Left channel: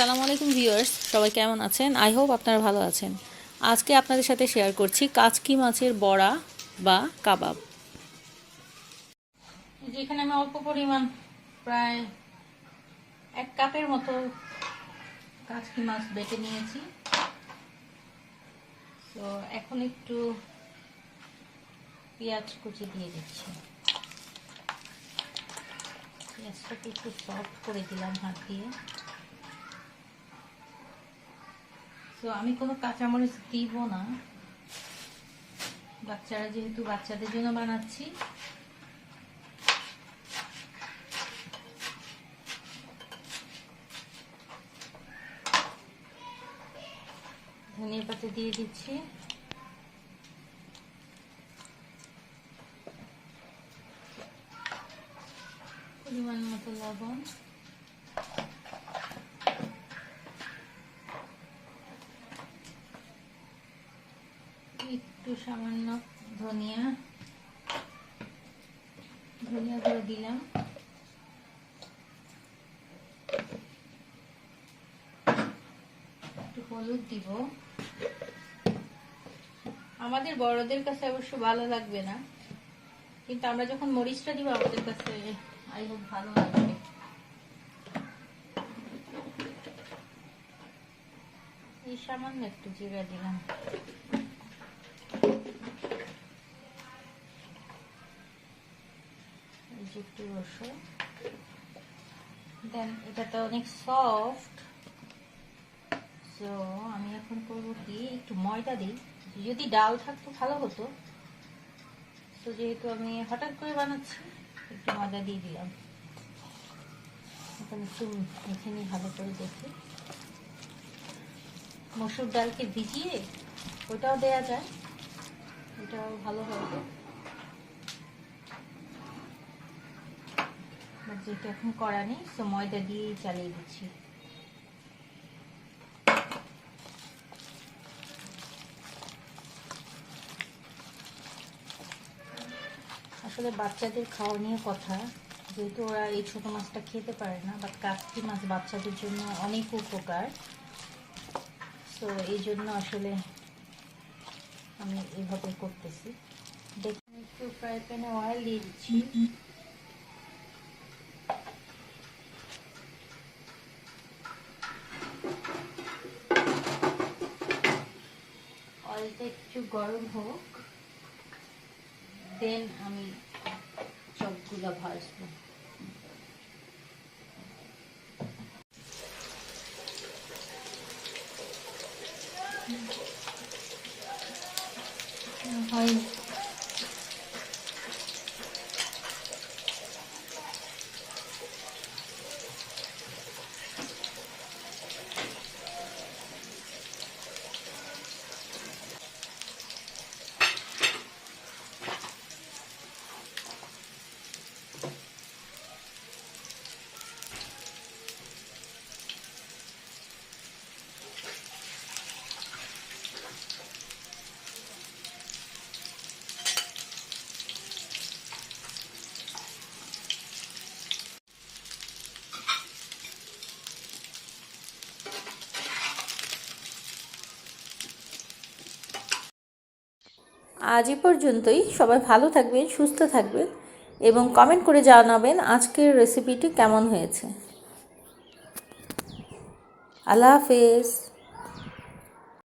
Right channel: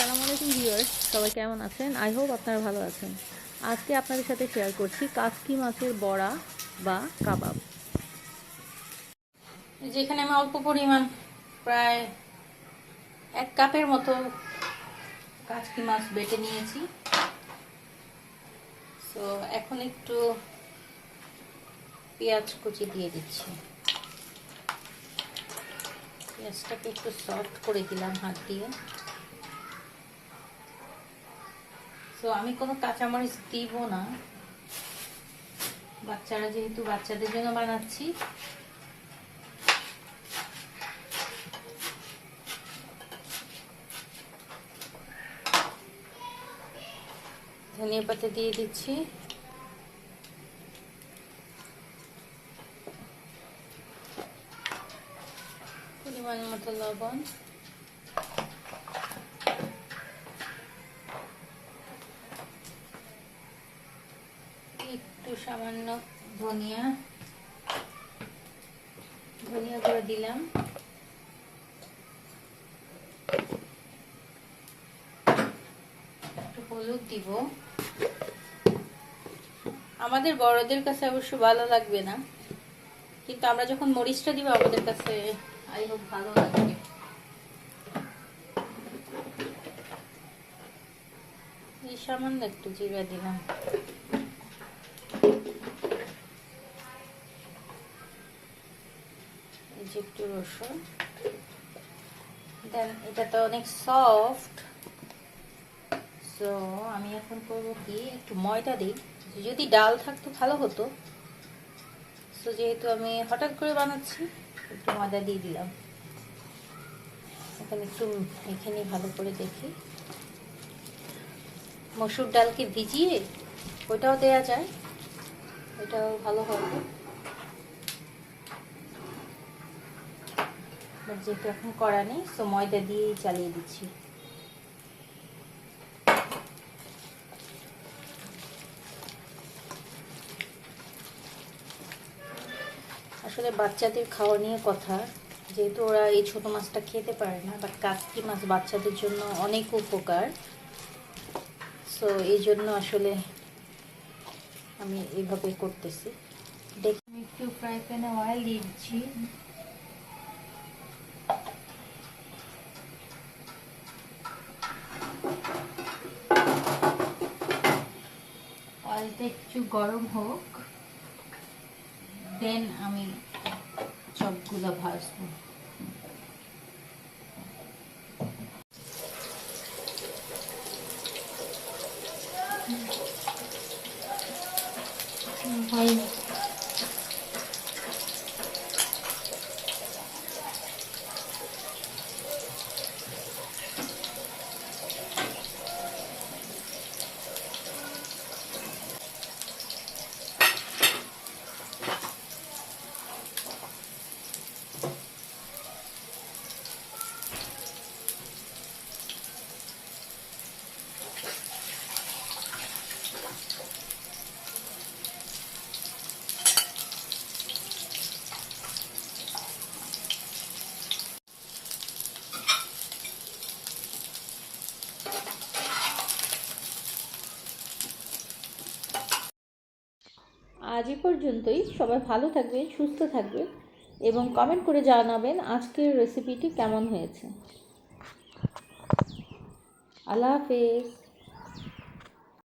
আসসালামু আলাইকুম ভিউয়ার্স, সবাই কেমন আছেন? আই হোপ আপনারা ভালো আছেন। আজকে আপনাদের সাথে শেয়ার করছি কাচকি মাছের বড়া বা কাবাব। যেখানে আমি অল্প পরিমাণ প্রায় 1 কাপের মতো কাচকি মাছ বেটে নিয়েছি। তো এখন একটু পেঁয়াজ কুচি দিয়ে দিচ্ছি। পেঁয়াজটাকে একটু সফট করে দিলাম হাত দিয়ে। তো আমি কোনো কাঁচামরিচ দিব না, বাচ্চারা যেহেতু বাচ্চাদের জন্য বানাচ্ছি। ধনিয়া পাতা দিয়ে দিচ্ছি, পরিমাণ মতো লবণ, একটু সামান্য ধনিয়া গুঁড়ো দিলাম, একটু হলুদ দিব। আমাদের বড়দের কাছে অবশ্য ভালো লাগবে না, কিন্তু আমরা যখন মরিচটা দিব আমাদের কাছে আই হোপ ভালো লাগবে। এই সামান্য একটু জিরা দিলাম, এই যে একটু রসুন। দেন এটা তো অনেক সফট, তো আমি এখন করবো কি, একটু ময়দা দিই। যদি ডাল থাকতো ভালো হতো, তো যেহেতু আমি হঠাৎ করে বানাচ্ছি একটু ময়দা দিয়ে দিলাম। এখন একটু মেখে নিই ভালো করে। দেখি, মসুর ডালকে ভিজিয়ে ওইটাও দেয়া যায়, ওইটাও ভালো হবে। যেহেতু এখন করা নেই, তো ময়দা দিয়েই চালিয়ে দিচ্ছি। আসলে বাচ্চাদের খাওয়া নিয়ে কথা, যেহেতু ওরা এই ছোট মাছটা খেতে পারে না, বাট কাচকি মাছ বাচ্চাদের জন্য অনেক উপকার। তো এই জন্য আসলে আমি এইভাবে করতেছি। দেখুন, একটু ফ্রাই প্যানে অয়েল দিয়ে দিচ্ছি। অয়েলটা একটু গরম হোক, দেন আমি সবগুলো ভাজবো। আজ এই পর্যন্তই। সবাই ভালো থাকবেন, সুস্থ থাকবেন এবং কমেন্ট করে জানাবেন আজকের রেসিপিটি কেমন হয়েছে। আল্লাহ হাফেজ।